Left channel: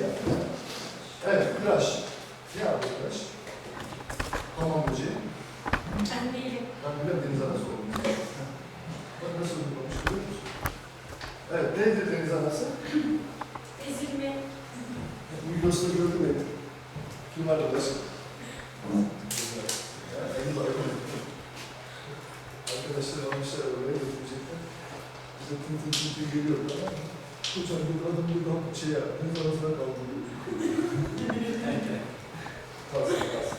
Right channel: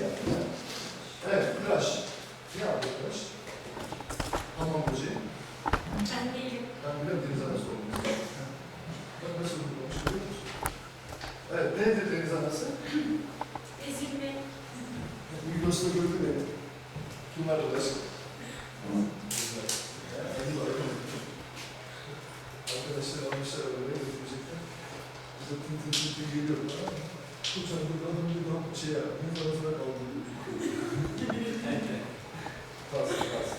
yaptı. Evet, tıraş. Ne yaptı? Hamam böceği. Ben değilim. Ben biliyorum deniz anası olduğunu. Bak nasıl uygulamış görüyor musun? Evet, nedir deniz anası? Ezilme. Bu videosunu gördü beni. Kim var? Bu adam bir daha şey ya, deniz anasına kaldı. Kalsın kalsın.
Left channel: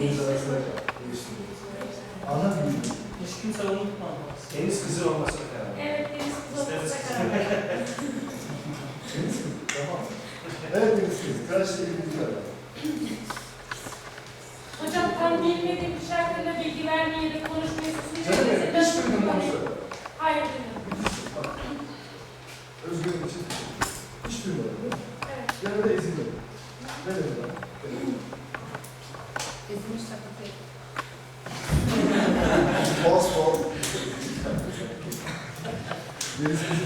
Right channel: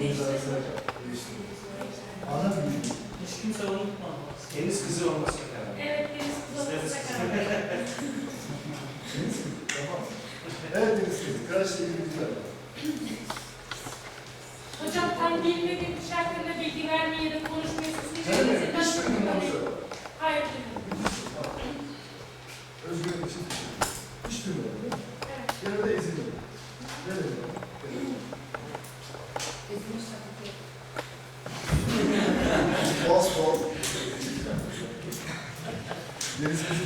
Deniz anasına kaldı. Anladın mı? Hiç kimse unutmaz. Deniz kızı karar verdim. Evet deniz kızı karar verdim. Deniz kızı, tamam. Evet Deniz kızı, bilgiler var. Hocam tam bilmediğim kişi hakkında bilgi vermeye da konuşmaya. Sen de hiç duydun mu söyle. Hayır duymadım. Bak. Özgürlük için hiç duymadım değil mi? Evet. Yanında ezilmedim. Ne dedim bana? Ezilmiş taklidi. Bas bol. Deniz kızı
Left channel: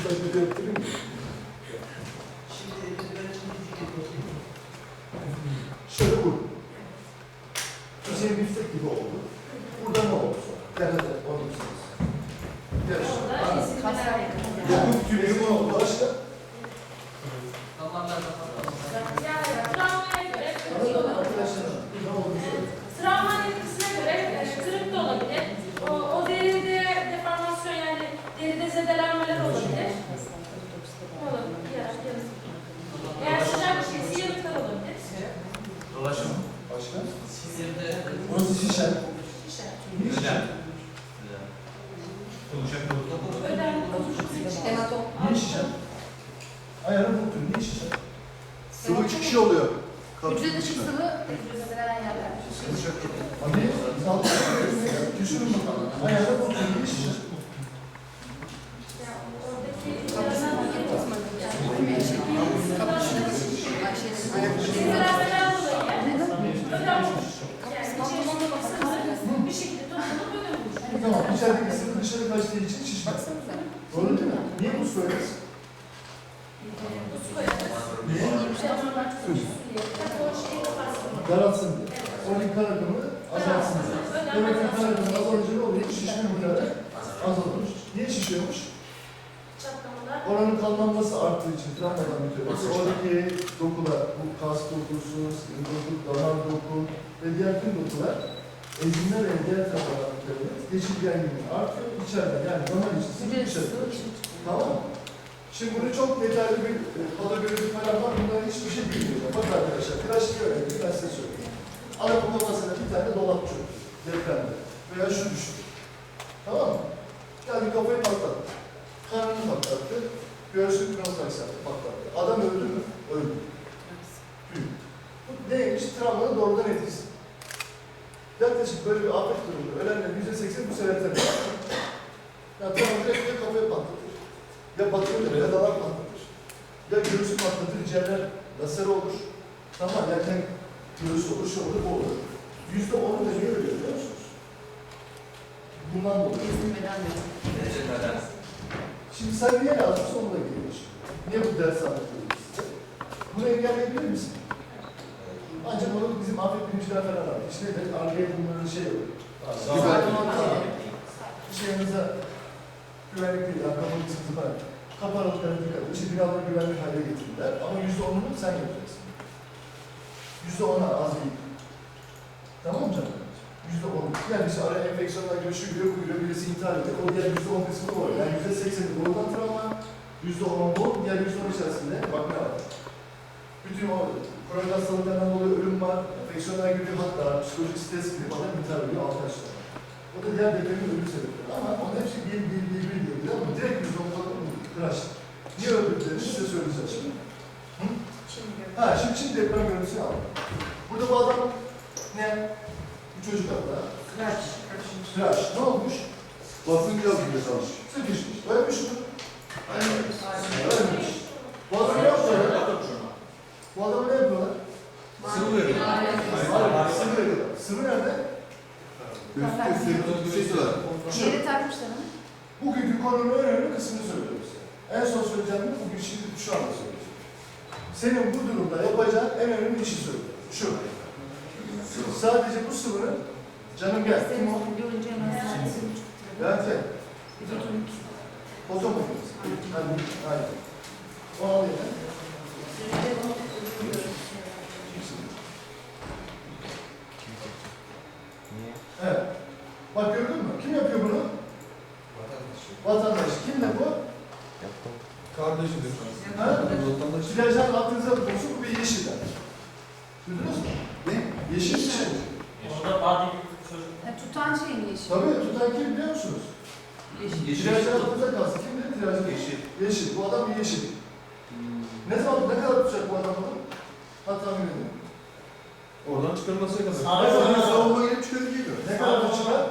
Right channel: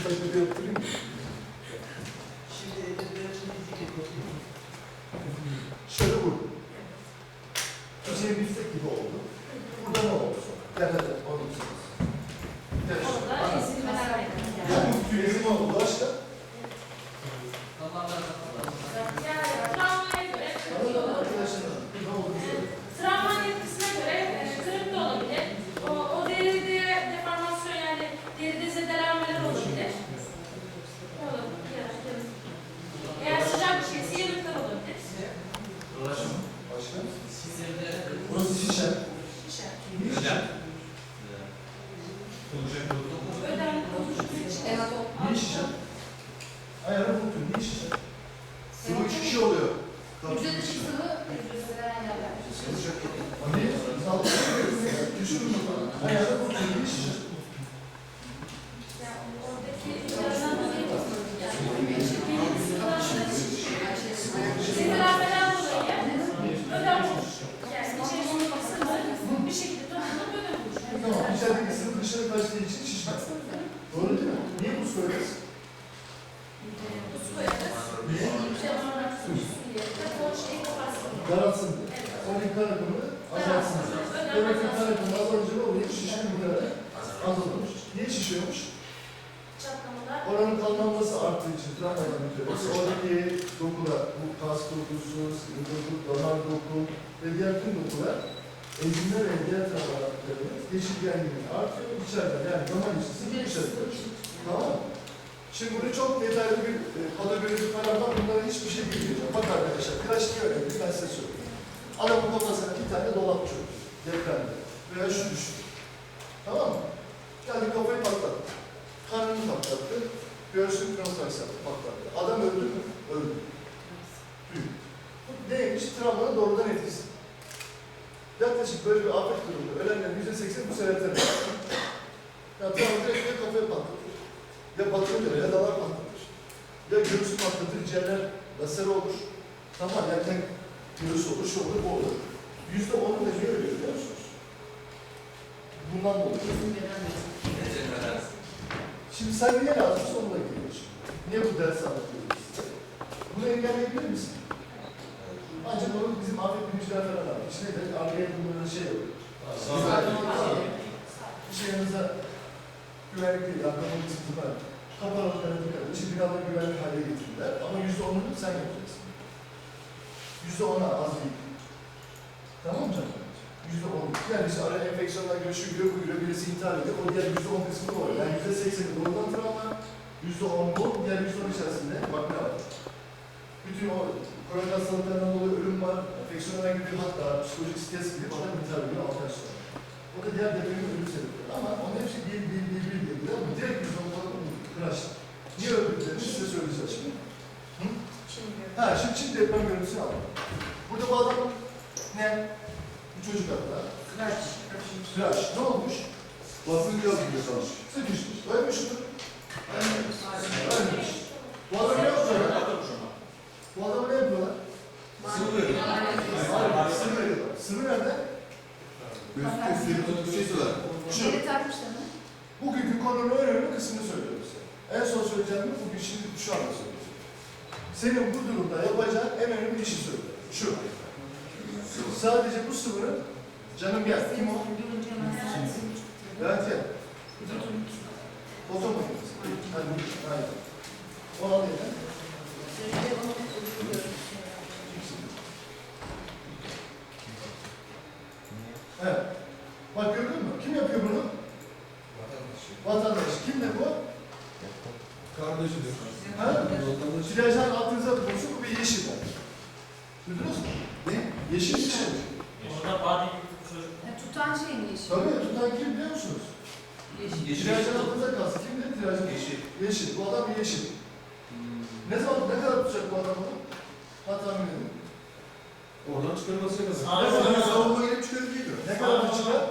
yani benim sıkılaştığım Sinirlenmeden dolayı ödem olmuş. Yani içerisinde sıvı bir şekilde toplanıp ödem olmuş. Tamam, içerideki sıvı dışarı kaçtığı için şişmez. Doğru değil mi? Niye bu söyleriz? Bu su Daralsın diye. Onun kan akımını azaltsın diye. Demek ki kan akımı azalınca ne oluyor? Şişme miktarı azalmış. Niye şişiyormuş? Çatlamalar. Oranın kanlanması arttığı için travmadan bitiyor. Yoksa oradaki dokular, bu kas dokusu, sinir doku, damar doku ve diğer tüm dokular enzimler ve diğer taraflarının geçirgenliği artıyor içeriden. Yani damar içi sıvı Hücre dışarı. sıvı için. Tamam mı? Şimdi bunu çok detaylı bir e, patoloji falan var. Bunların hiçbir şey bilmiyorum. Bak arkadaşlar, tıraşlığı öğrendim. Ben size söyleyeyim. Adamın kafasına bir tane dolap çöktü. Depremde. Veya şu düştü. Tamam mı? Yani kafayı patlattı. Karnını patlattı. Göğsünü yaptı, patlattı. Adam öldü mü? Öldü. Tüy. Bu neymiş? Travmanın doğrudan etkisi. Yaklaşık böyle bir afet durumunda ölenlerin yüzde seksen bu sebepten ölüyor. Ya travma direkt ya kafayı patlatır. Ya batırır ya dalar patlatır. Ya göğsü patlatır, ciğerler laser olur. Tamam yerken göğsü olur, şu olur, bu olur. Yüzde onu da niye ölüyor biliyor musunuz? Bundan dolayı. Şimdi sen niye lazımsa onunla geliyor şimdi. Niye bu ders anlatıyoruz size? Bunu engelleyebilir misin? Ancak onu bizim afet bilimciler falan var. İşte de arkaya bunların şey yok. Bir şey yanınıza güvenlik değil, arkamın sıkıntılar. Kapı aralıklarına dikkat edin. İşte binaları güvenlik hale getirdiler. Ama yüzde onunu sen yapacaksın. Yüzde ona az değil. Tamam mı canım? Yüzde on. Yani işte araya enfeksiyonlar şu giriyor, bu giriyor, birisi intihar ediyor. O diğer yüzde on kısmı da var. Yani yüzde sekseni doğrudan travma, yüzde on bu, diğer yüzde on içerisinde bak ne var. Bütün o kronik hastalıklardan dolayı ölüm var, enfeksiyonlar giriyor hatta psikolojik stres gibi bana intihar ediyor arkadaşlar. O da diğer depremin ölüm sebepleri. Ama onun hepsi bir, bir, bir, bir, bir, bir, direkt yüzde on kıraş. Niye öldüklerini size söyleyeceğiz şimdi. Şimdi Ha şimdi şimdi deprem görüntüsünü aldım. Burada bu adam ne? Bir çocuk hatta. Kıraç. Tıraş. Ne olmuş? Basın biraz gibi kalmış. Sıkışmış. Ölmüş mü? Ölmüş. Bu adam ne yapıyorlar? Bu adamı ne yapıyorlar? Sıvı veriyor. Hayır, sıvı veriyorlar. Sıvı nerede? Şu. Yeri takmışlar mı? Bugünkü konunun önemli kısmını söylüyorum. En son söyleyeceğim bugün şimdi şu anda söyleyeceğim. Senin bu durumda yapacağın en önemli işi söylüyor. Şu. Sadece bu sıvının canım gel. Kim o? Gel. Foto. Hadi. Hayır. O al. Evet. Bak gördün mü? Kim yapıyor bunu? Vatandaş. Kim de bu? Kardeşidir. Ha? Silajdan altınıza bulsun bu bir yeşiller. Duydunuz mu? Ne? Yeşil bir şey. Orada adi bir çocuk. Ha, Tutan şey mi yeşil? Tabii tutan kim biliyor musunuz? Yeşil. Yeşil. Silajdan altınıza kalsın. Kim dedi silajdan? Yeşil. Yeşil. Bu adam bir yeşil. Ne zaman, ne kadar tutacak bu adam onu? Hatta tahmin edin. Oradan çıkarılması kadar. Sağ Ne kadar savunma gelip çıkarıyor. Ne kadar da çıkar?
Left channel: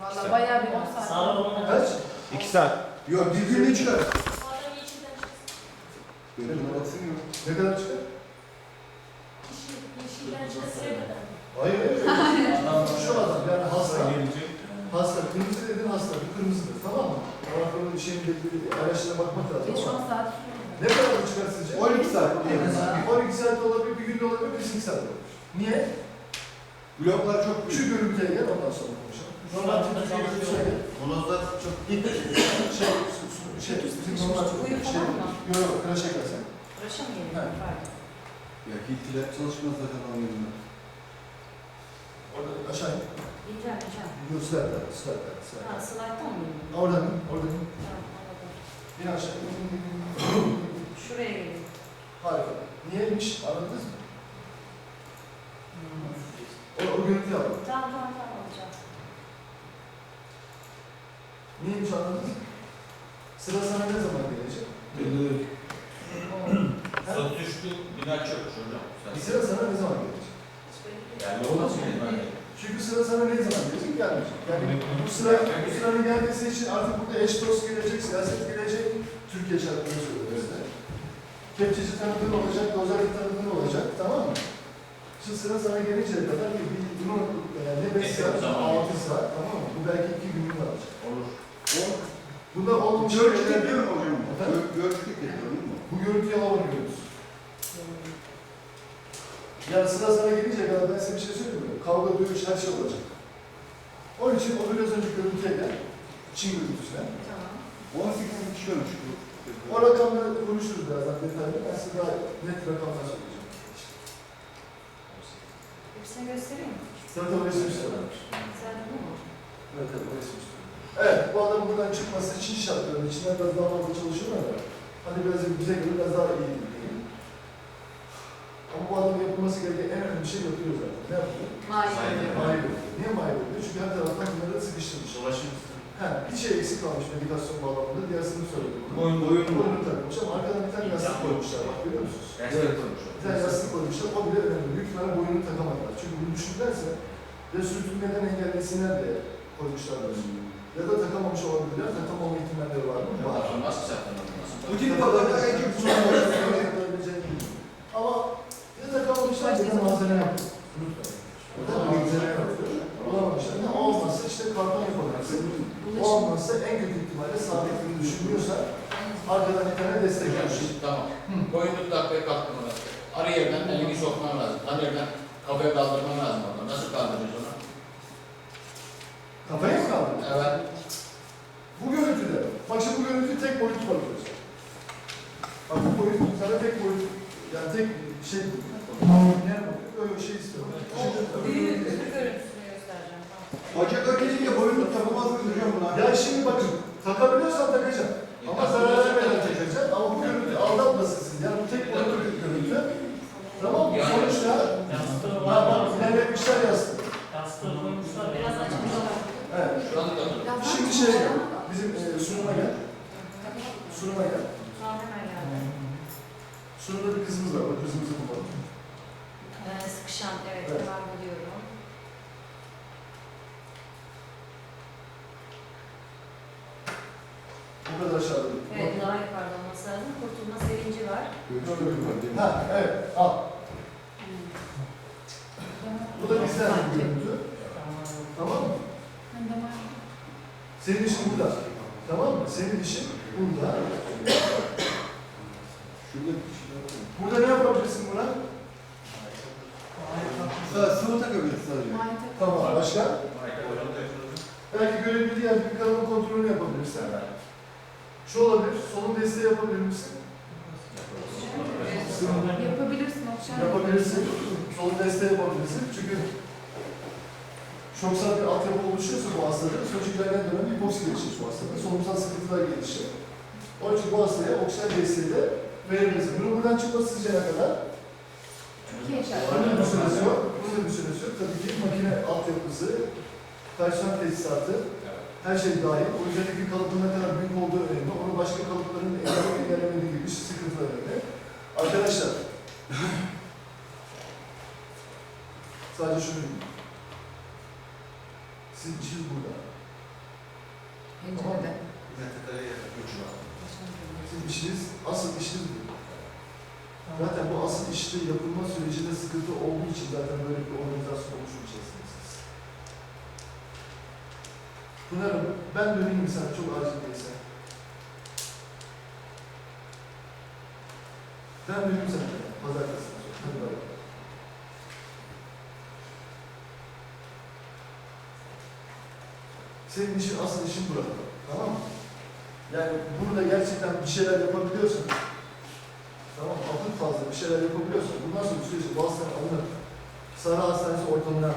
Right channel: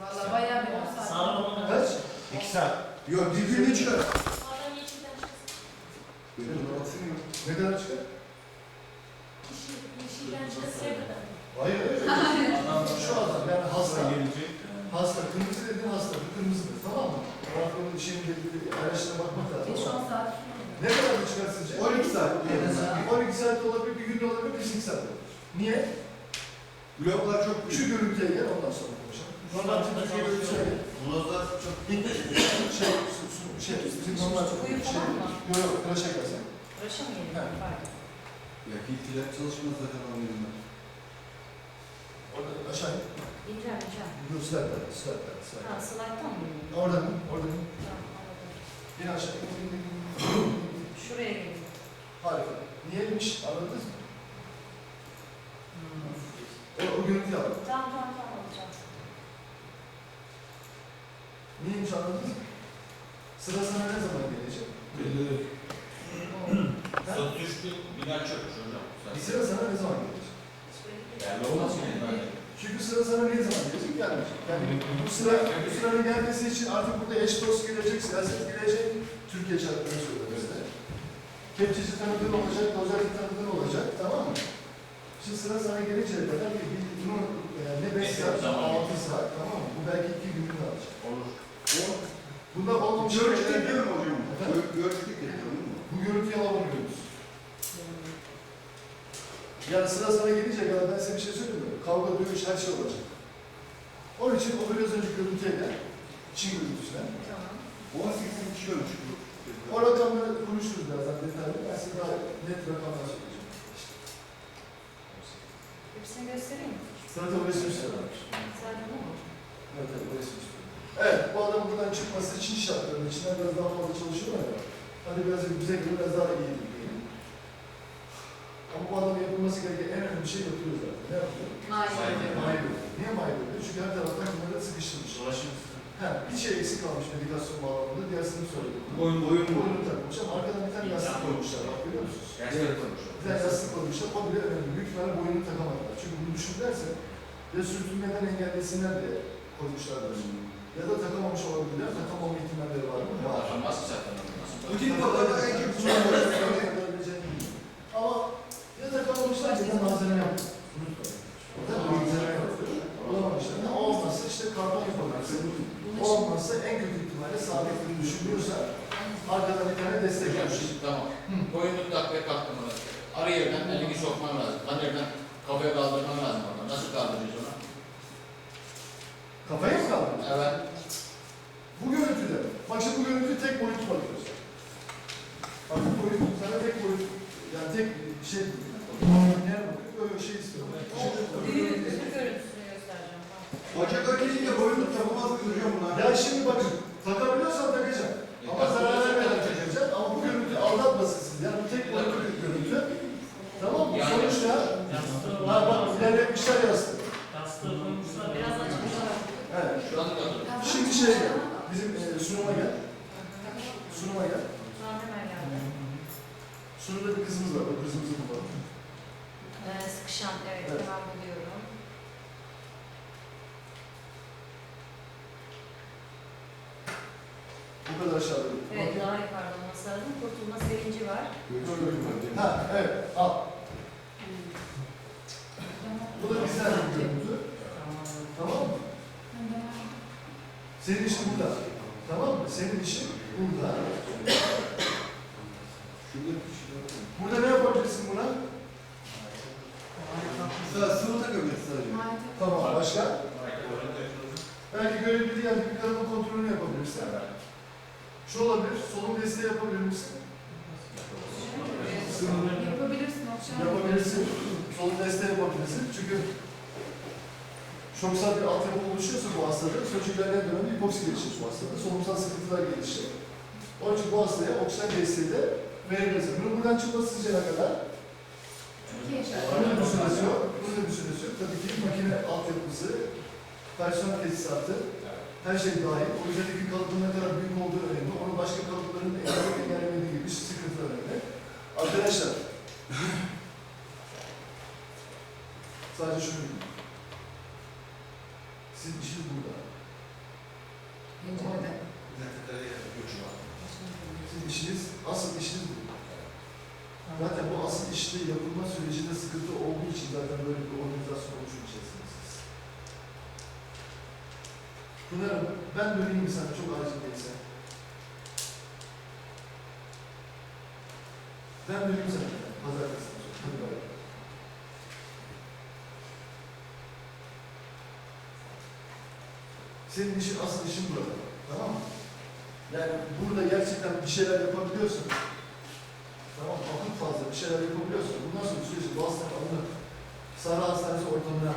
Valla bayağı bir 10 saat. Sağ olun. Kaç? İki saat. Yok, birbirini çıkar. O adam yeşilden çıksın. Benim yok. Ne kadar çıkar? Yeşil, yeşilden çıkasıya kadar. Hayır, hayır. Şu adam yani hasta. gelecek. Hasta, kırmızı dedin hasta, bu kırmızıdır tamam mı? Ama bunun şeyin belli bir araçlara bakmak lazım. 5-10 ama saat. Ne kadar da çıkar sizce? 12 saat. 12 saat de olabilir, bir gün de olabilir, bir 8 saat de olabilir. Niye? Bloklar çok Şu görüntüye gel, ondan sonra konuşalım. Normal görüntüye gel. Molozlar çok İlk şey, su- şey, bizim normal Uyu şey, falan mı? yok yok, tıraşa gelsen. Uğraşa mı Ha. geliyor? Pardon. Ya hiltiler çalışmaz zaten anlayın. Orada aşağı in. Bileceğim, bileceğim. Yok, slide'lar, slide'lar, Ha, slide'dan mı iniyor? Oradan in, oradan in. Tamam. İn aşağı. Şuraya geliyor. Harika. Niyeymiş, anladınız mı? O, o görüntüyü alalım. Tamam, tamam, tamam Neymiş anladınız mı? Sıra sana ne zaman gelecek? Belli. Söz düştü, bina çökmüş hocam. Bir sıra sana ne zaman gelecek? Yani olmaz mı? Çünkü sıra sana ne zaman gelecek? Gelmeyecek. Yani bu sıra, bu sıranın gelmesi için artık burada eş dost gelecek, siyaset gelecek. Türkiye şartlarını söylüyorum size. Kepçeci tanıdığın olacak, dozerci tanıdığın olacak, tamam mı? Şimdi sıra sana gelinceye kadar bir, bir bunu yani ne 5 saat, Zaman. 6 saat, tamam mı? Bu belki 2 gününü alacak. Olur. Bunda olmamış Görüştük şeyler- değil mi hocam? Efendim? Gö- Görüştük değil mi? Bu görüntüyü alamıyoruz. Yani sıra sana gelince kadar ben size bir şey söyleyeyim mi? Kavga, dövüş, her şey olacak. Onun için o biraz önce görüntüye gel. Çin görüntüsüne. Tamam. 18 kişi ölmüş bu. O rakamları konuşuruz birazdan detaylı. Ben size daha net rakamlar söyleyeceğim. Hepsini göstereyim mi? Zaten o resim istiyorlarmış. Sen bu mu? Evet, evet, o resim istiyor. Evet, bu adam buradan çıkması için şartlarının içinden biraz daha fazla çalışıyorlar ya. Hadi biraz bize göre biraz daha iyi diyelim. Ama bu adamın yapılması gereken en önemli şey yapıyor zaten. Ne yapıyor? Hayır. Mahir ediyor. Niye ediyor? Çünkü her taraftan bunları sıkıştırmış. Dolaşım. Ha, bir şey eksik kalmış medikasyon bağlamında, diğersini söyledim. Boyun boyun boyun. Boynunu takmış ama arkadan bir tane yastık koymuşlar. Bak görüyor musunuz? Gerçekten konuşuyor. Bir tane yastık koymuşlar, o bile önemli. Büyük ihtimalle boynunu takamadılar. Çünkü bunu düşünürlerse ya sürtünmeden engellesinler diye koymuşlar böyle. Ya da takamamış olabilirler, takamama ihtimalleri var mı? Var. Ki zaten. Bu tip vakalarda en çok sorun var. Ama ya takamamışlar ya da malzeme. Unutmayın. Ya da malzeme yaptı. Bulamamışlar. Ne olmazsa işte karton yapabilirsin. Olmazsa en kötü ihtimalle sabit ürün düşünüyorsa arkadan bir tane destek yapmış. tamam. Boynunu takmaya kalktım ona. Arı yerden elini sokman lazım. Lan yerden kafaya kaldırman lazım. Nasıl kaldıracağız onu? Kafaya mı kaldı? Evet. Bu görüntüde. Bak şimdi bu görüntü tek boyut bakıyoruz. Bak bu boyut sana tek boyut yani tek şey ne bakıyor? Böyle şey istiyorum. Büyük bir görüntüsünü göstereceğim. Bacak ökelince boyun takılmaz mı hocam buna? Ya şimdi bakın takabiliyorsan takacağım. Ama zarar vermeden takacağım. Ama bu görüntü aldatmasın sizi. Yani bu tek boyutlu bir görüntü. Tamam mı? Sonuçta Yastığı ha bak var. ilerletmişler yastığı. Yastığı koymuşlar. Biraz açmışlar. Evet. Şu an kaldırdım. Şimdi şey gel. Bizim e, sunuma gel. Sunuma gel. Tamam hemen geldi. Sunumda bir kızımız var. O kızımızı bulalım. Ee, sıkışan, evet, Evet. devam ediyorum. Bu kadar aşağıda. Evet, daha yukarıda olması lazım. Kurtulma sevinci var. Ha evet al. Bu da bizden bir görüntü. Tamam mı? Senin işin burada. Tamam mı? Senin işin burada. Burada ne yapabilirsin buna? Mesela sıvı takabilirsin sadece. Tamam, başka? Belki görebildiği bir kanalın kontrolünü yapabilirsin. Şu olabilir, solun desteği yapabilir misin? Yapabilirsin Okşan. Yapabilirsin. Solun desteği yapabilirsin. Çünkü şoksal bir altyapı oluşuyorsa bu hastada, sonuç ilerleyen dönemde hipoksi gelişir bu hastada. Solunumsal sıkıntılar gelişir. Onun için bu hastaya oksijen desteği de verebilirsin. Bunun buradan çıkması ne kadar? Türkiye Bunun şartları. bir süresi yok. Bunun bir süresi yok. Tabii ki makine altyapısı, personel tesisatı, her şey dahil. O üzerindeki kalıbın ne kadar büyük olduğu önemli. Onun başka kalıpların engelleme engellemediği gibi sıkıntılar önemli. Arkadaşlar, sadece şunu bilin. İşiniz burada. Pencerede. Sizin işiniz, asıl işiniz bu. Zaten bu asıl işte yapılma sürecinde sıkıntı olduğu için zaten böyle bir organizasyon oluşmayacaksınız siz. Pınar'ım, ben döneyim sen çok acil değilse? Ben döneyim sana. Pazartesi. Hadi bay. Senin işin, asıl işin burada. Tamam mı? Yani burada gerçekten bir şeyler yapabiliyorsun. Tamam? Akıl fazla bir şeyler yapabiliyorsun. Bundan sonra süreçte bu hastanın alınıp Sahra Hastanesi ortamına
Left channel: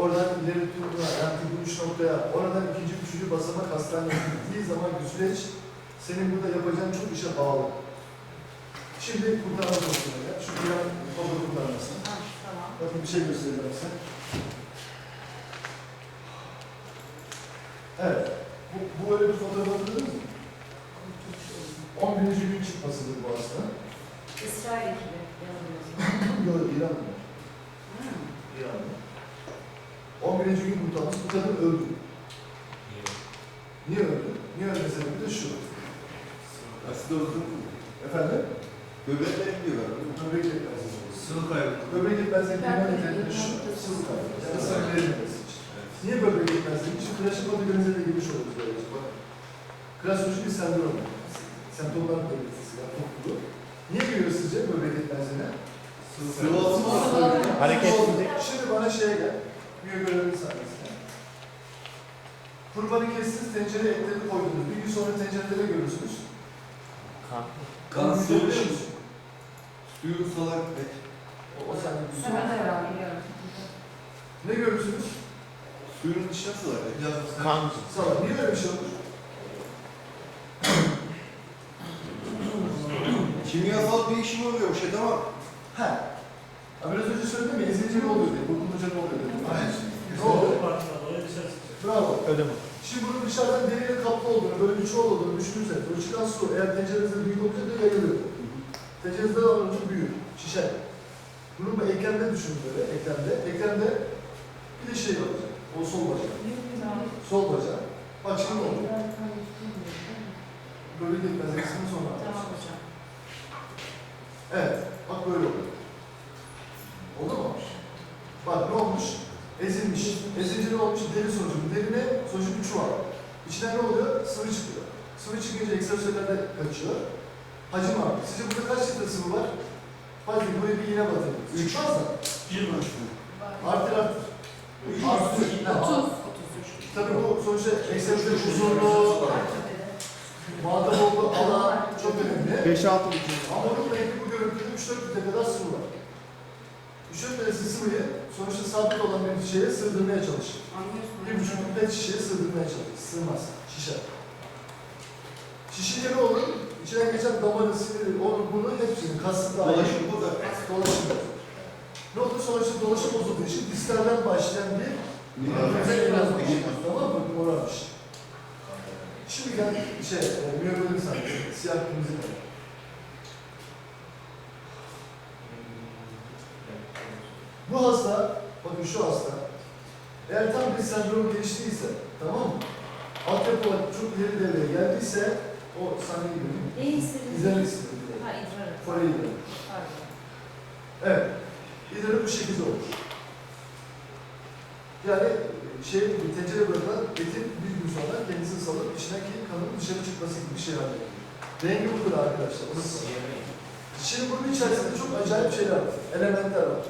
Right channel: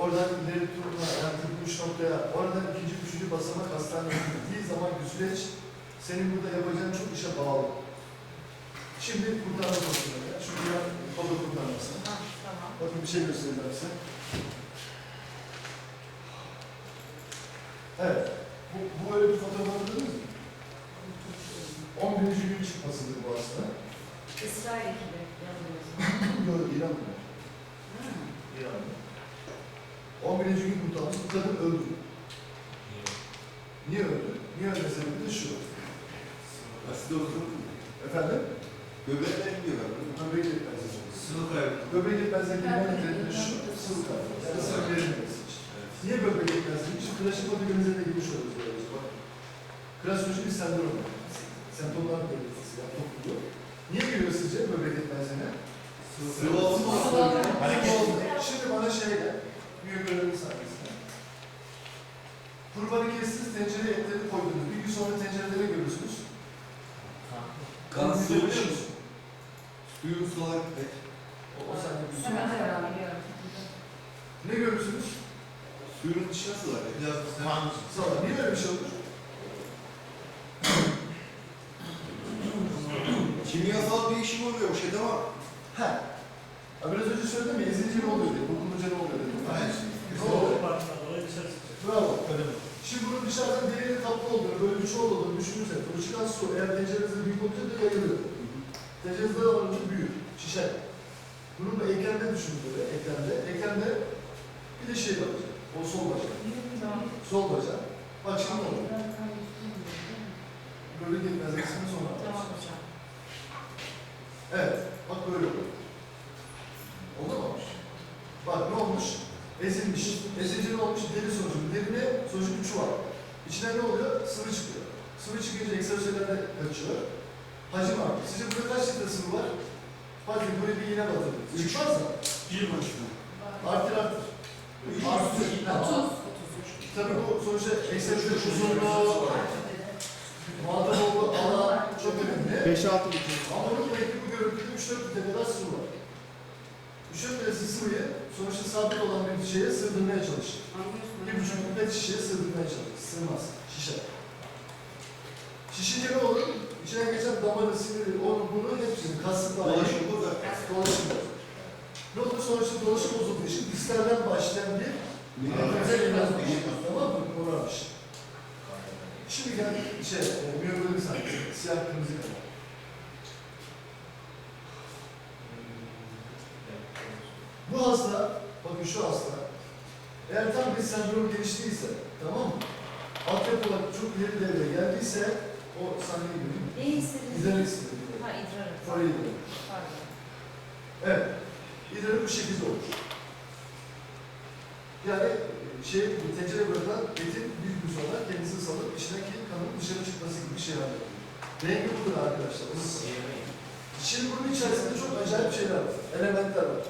oradan ileri turuna, yani tıbbın üç noktaya, oradan ikinci, üçüncü basamak hastaneye gittiği zaman bir süreç senin burada yapacağın çok işe bağlı. Şimdi kurtarma konusunda ya. Çünkü ben baba kurtarmasın. Ha, tamam. Bakın bir şey göstereceğim size. Evet. Bu, bu öyle bir fotoğraf hatırladınız mı? 11. gün çıkmasıdır bu hastanın. İsrail ekibi yanılıyorsun. Yok, İran'da. Hmm. İran'da. 11. gün kurtarmış. Bu kadın öldü. Niye öldü? Niye öldü sebebi de şu. Asit olsun. Efendim? Böbrekler gidiyor galiba. Böbrek yetmezliği. Sıvı kaybı. Böbrek yetmezliği bilmem nedeni şu. Sıvı kaybı. Yani sıvı verilmesi için. Niye böbrek yetmezliği? Şimdi klasik organize de girmiş oluyoruz böylece. Bak. Klasik bir sendrom. Semptomlar belirtisi. Yani topluluğu. Niye giriyor sizce böbrek yetmezliğine? Sıvı olsun. Hareket. Şimdi bana şey gel. Bir görevli sahnesine. Kurbanı kestiniz, tencereye etleri koydunuz. Bir gün sonra tencerede ne görürsünüz? Kan Kan sıvı. biliyor musun? Suyun salak et. O, o sende bir biliyorum. Ne görürsünüz? Suyun dışına salak et. Salak. Niye öyle bir şey olur? Kimyasal değişim oluyor o şeyde ama Ha. Ha biraz önce söyledim ya, ezici ne oluyor diye, dokununca ne oluyor dedim. Ne oluyor? Bravo. Şimdi bunun dışarıdan deriyle kaplı olduğunu, böyle bir çuval olduğunu düşünürseniz, o çıkan su eğer tencerenizde büyük olunca da yayılıyor. Tencerenizde olunca büyür, şişer. Bunun bu eklemde düşünün böyle, eklemde. Eklemde bir de şey var, o sol bacak. Sol bacak. Ne oluyor? Böyle gitmez, eksimini sonra Tamam hocam. Evet, bak böyle oluyor. Oldu mu? Bak ne olmuş? Ezilmiş. Ezilince ne olmuş? Deri sonucu. Derine sonucu bir çuval. İçinden ne oluyor? Sıvı çıkıyor. Sıvı çıkınca ekstrasörler de kaçıyor. Hacim artıyor. Sizce burada kaç litre sıvı var? Hadi buraya bir iğne batırın. Çıkmaz mı? Artır artır. Artır. Otuz. Tabii bu sonuçta ekstrasör uzunluğu, muhatap olduğu alan çok önemli. 5-6 litre. Ama bunun belki bu görüntüde 3-4 litre kadar su var. 3-4 litresi sıvıyı sonuçta sabit olan bir şeye sığdırmaya çalışır. Bir buçuk litre şişeye sığdırmaya çalışır. Sığmaz. Şişer. Şişince ne olur? İçine geçen damarı, siniri, onu, bunu hepsini, kasını da Dolaşım bu da. Dolaşım. Ne olur? Sonuçta dolaşım bozulduğu için diskalden başlayan bir Güzel biraz Tamam mı? Morarmış. Şimdi gel şey, e, miyobölüm sahnesi, siyah kırmızı kalem. Bu hasta, bakın şu hasta, eğer tam bir sendrom geliştiyse, tamam mı? Altyapı olarak çok ileri devreye geldiyse, o sahne gibi değil mi? Ne? İzler istiyor. Ha idrar. Parayı idrar. Pardon. Evet. İdrarı bu şekilde olur. Yani şey, tencere bırakılan etin bir gün sonra kendisini salıp içindeki kanın dışarı çıkması gibi bir şey haline geliyor. Rengi budur arkadaşlar. unutmayın. Şimdi bunun içerisinde çok acayip şeyler var. Elementler var.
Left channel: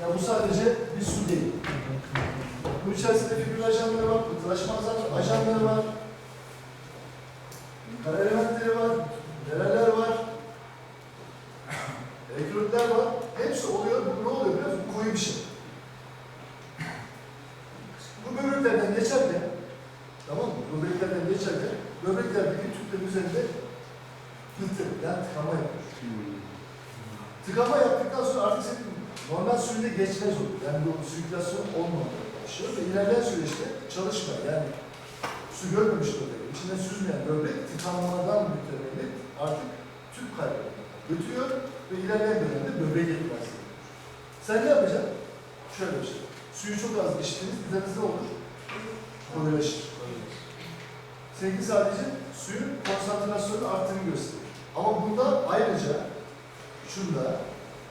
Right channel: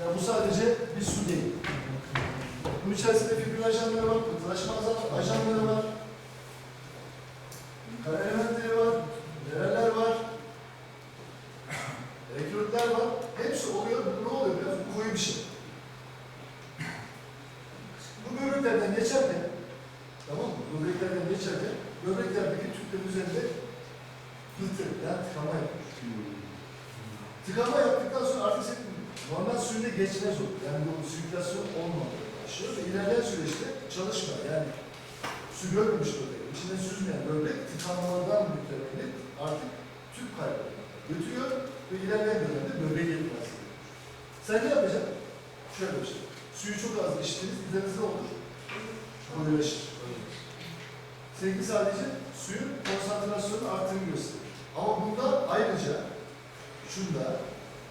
ya bu sadece bir su değil. Bunun içerisinde fibril ajanları var, pıhtılaşma ajan- ajanları var. Kara elementleri var, mineraller var. Elektrotlar var. Hepsi oluyor. Bu ne oluyor biliyor musun? Koyu bir şey. Bu böbreklerden geçerken, tamam mı? Böbreklerden geçerken, böbreklerdeki tüplerin üzerinde pıhtı, yani tıkama yapıyor. Tıkama yaptıktan sonra artık senin normal suyunda geçmez olur. Yani bu sirkülasyon olmamaya başlıyor ve ilerleyen süreçte çalışma yani su görmemiş böbrek, içinde süzmeyen böbrek tıkanmadan mütevellit artık tüp kaybını götürüyor ve ilerleyen dönemde böbrek yetmez. Sen ne yapacaksın? Şöyle bir şey. Suyu çok az içtiğiniz üzerinizde olur. Koyulaşır. Seninki sadece suyun konsantrasyonu arttığını gösterir. Ama bunda ayrıca şunda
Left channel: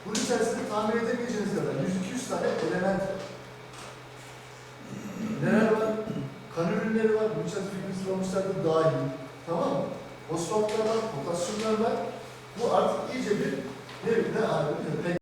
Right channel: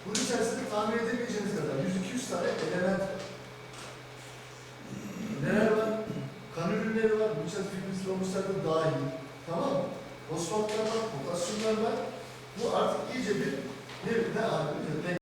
bunun içerisinde tahmin edemeyeceğiniz kadar 100-200 tane element var. Neler var? Kan ürünleri var. Bunun içerisinde fibrin olmuşlar da dahil. Tamam mı? Fosfatlar var, potasyumlar var. Bu artık iyice bir ne, ne haline